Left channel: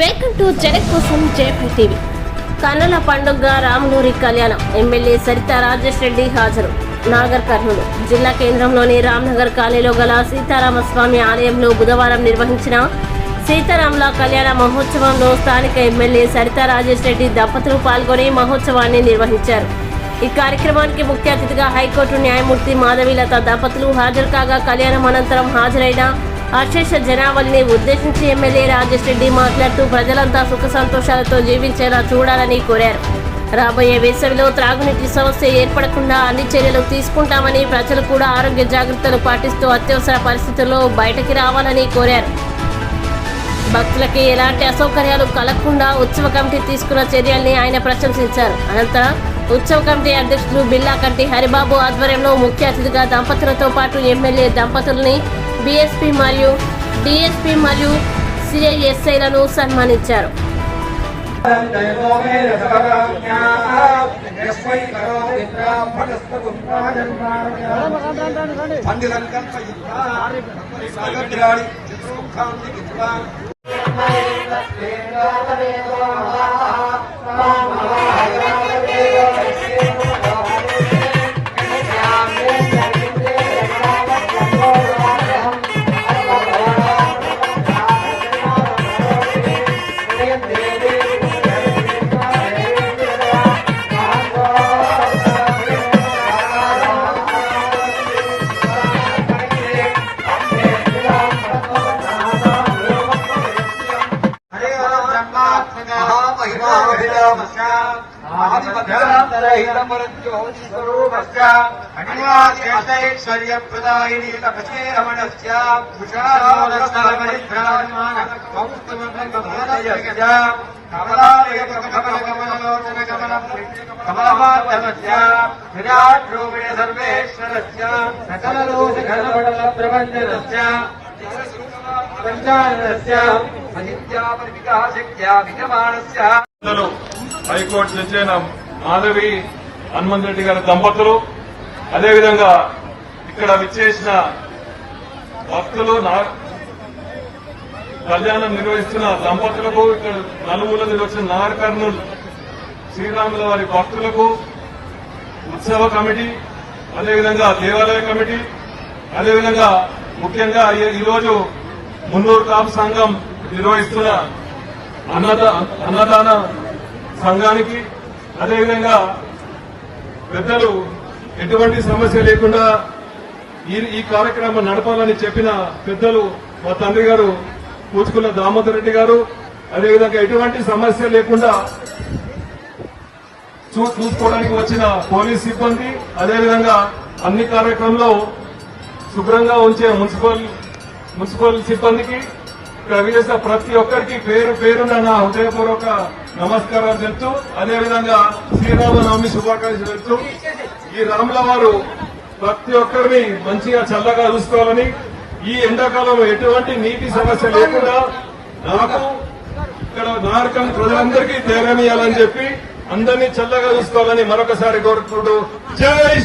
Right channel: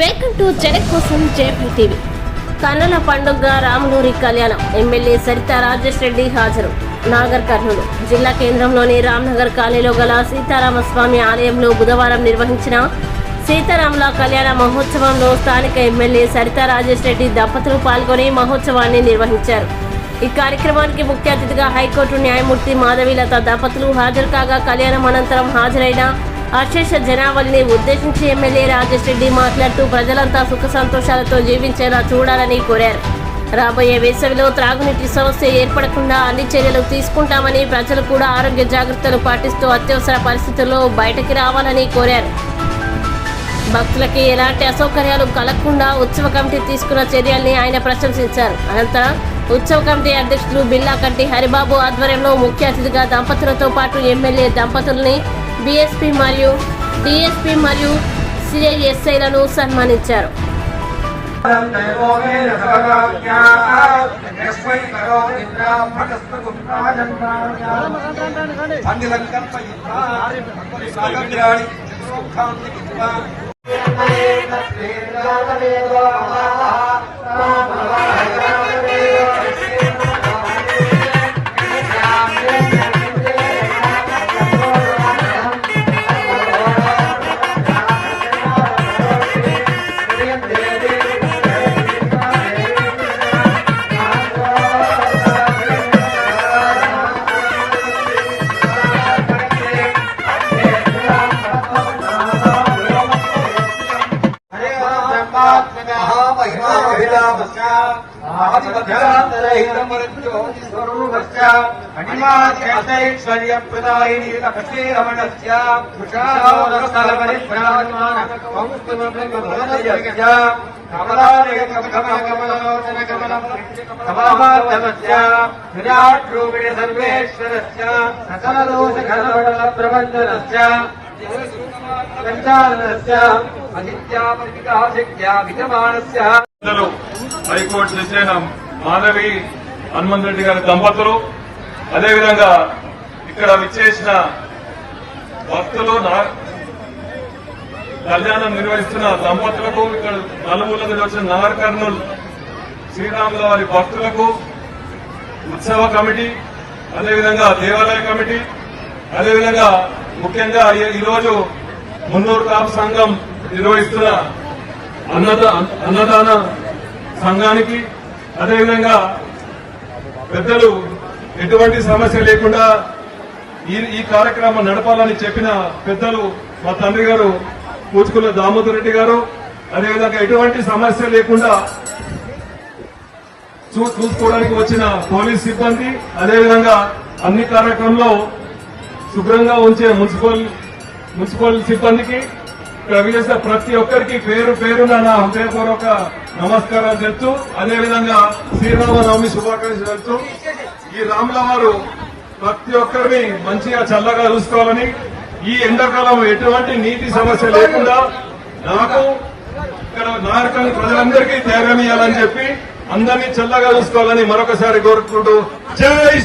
Welcome to జనం కోసం JP TV. కన్నుల పండుగ రాములూరి కళ్యాణం. ఎమ్మెల్యే సరితా రాజేష్ రెడ్డి హాజరు. నాగర్ కర్నూలు జిల్లా కేంద్రంలోని రామ్నగర్ కాలనీలో గల సీతారామస్వామి ఆలయంలో బుధవారం నిర్వహించిన సీతారాముల కళ్యాణ మహోత్సవంలో స్థానిక ఎమ్మెల్యే సరితా రాజేష్ రెడ్డి దంపతులు పాల్గొని మహోత్సవాన్ని నిర్వహించారు. ఈ కార్యక్రమానికి ముఖ్య అతిథిగా హైకోర్టు న్యాయమూర్తి మాధవీలత దంపతులు హాజరు కాగా కళ్యాణం అనంతరం హాజరైన అశేష జనావళిని ఉద్దేశించి ఎమ్మెల్యే రాజేష్ రెడ్డి మాట్లాడుతూ ప్రజలంతా సుఖ సంతోషాలతో జీవించేలా చూడాలని కోరారు. రాబోయే వేసవిలో త్రాగునీటి సమస్య ఏర్పడకుండా అన్ని చర్యలు తీసుకుంటామని, ప్రజలు కూడా ఆరోగ్య జాగ్రత్తలు పాటిస్తూ అత్యవసర పరిస్థితుల్లో బయటకి రావాలని కోరారు. భక్తులకి ఎలాంటి అసౌకర్యాలు కలగకుండా ఉత్సవ కమిటీ తీసుకున్న చర్యల్ని ఆయన ప్రశంసించారు. అనంతరం ఉత్సవ కమిటీ అధ్యక్షులు బిల్లాకంటి హరిబాబు ఆధ్వర్యంలో ముఖ్య అతిథిగా దంపతులతో పాటు ఎమ్మెల్యే దంపతుల్ని బీఎస్పీ మరియు డిఎస్పీ మరియు సిఐఎస్ఐలను సన్మానించారు. హైకోర్టు జడ్జి మాధవి హనుమంత్ రెడ్డి గారి దంపతులు, అదేవిధంగా ఇక్కడ విచ్చేసిన భక్తులు, కళ్యాణం నిర్వహిస్తున్న దంపతులకు, ఇక్కడ నలుగురు నిర్వహించిన నాగర్ కర్నూలు శ్రీరాముల వారి భక్తులకు, ఉత్సవ కమిటీ, అదేవిధంగా దేవాలయ కమిటీ, అదేవిధంగా ముఖ్యంగా ఈరోజు మున్నూరు కాపు సంఘం నిర్వహిస్తున్న అన్నదాన సంఘానికి, అదేవిధంగా పెద్దలు ఎటువంటి సమస్య లేకుండా ఈ కార్యక్రమం నడపాలని చెప్పిన పెద్దలు మా తండ్రి గారు పూచుకుల దామోదర్ రెడ్డి గారు, అదేవిధంగా ఎటువంటి సమస్య లేకుండా చూసుకోవడానికి వచ్చిన పోలీస్ సిబ్బంది, అదేవిధంగా అన్ని కార్యక్రమంలో శుభ్రంగా ఉంచే మున్సిపల్ సిబ్బందికి, ఇక్కడ విజేసిన ప్రతి ఒక్కరికి పేరు పేరున నా హృదయపూర్వక నమస్కారాలు తెలుస్తూ, అదేవిధంగా శ్రీరామనవమి శుభాకాంక్షలు తెలుస్తూ, ఈ రాముల వారు ప్రతి ఒక్కరిని మంచిగా చల్లగా చూసుకోవాలని, ఈ ఎండాకాలం ఎటువంటి నీటి సమస్య లేకుండా నాకు ఇక్కడ నార్కల్ ప్రజలందరికీ ధైర్యం ఇవ్వాలని చెప్పి అందరినీ చల్లగా చూసుకోవాలని మరొకసారి కోరుకుంటూ జై